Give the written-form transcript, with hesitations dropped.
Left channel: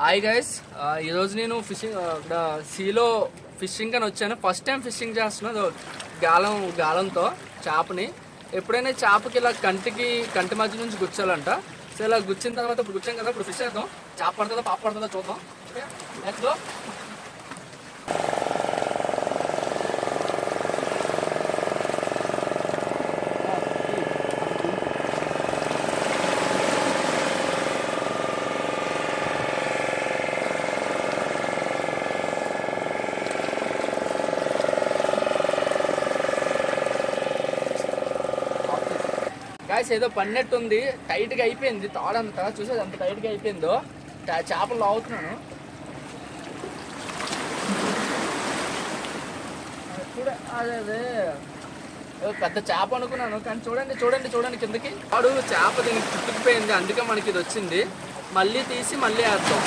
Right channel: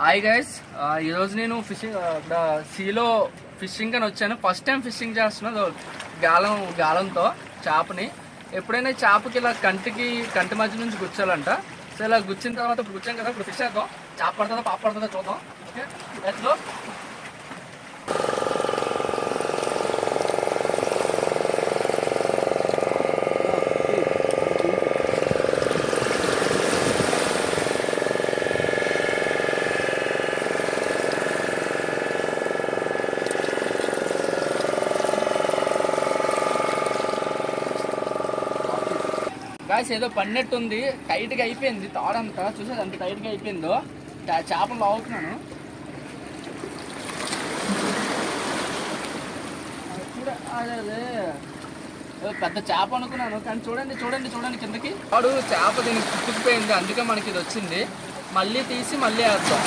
Hi guys, ఈరోజు నేను fishing ఇక్కడ సీలో ఫిషింగ్ అని వచ్చాను. ఫస్ట్ టైం ఫిషింగ్ చేస్తున్నాను గాలంతో చేపని. ఎప్పుడైనా చేపకి ఇలా కంటి మధ్య నుంచి గుచ్చాలంట. సో ఇలా గుచ్చిన తర్వాత ఇప్పుడు గుచ్చాం కదా, ఇప్పుడు ఫిష్ వేద్దాం. చేప పడుతుందో పాప పడుతుందో చూద్దాం. Okay, let's go. గాయస్ ఏదో పడినట్టుంది, టైట్గా అయిపోయింది తాడంతా. చూసేది అంత టైట్గా అయిపోయిందో. చేపలు లాగుతున్నాను. అదే పెద్ద చేప అనుకున్నాను, కానీ చూడండి చూడండి చూడండి కిందకి. వాడు చేప దీనికి చుట్టుకుపోయింది, అందుకే మనకి ఇది వచ్చింది. మళ్ళీ తీసి మళ్ళీ వేద్దాం.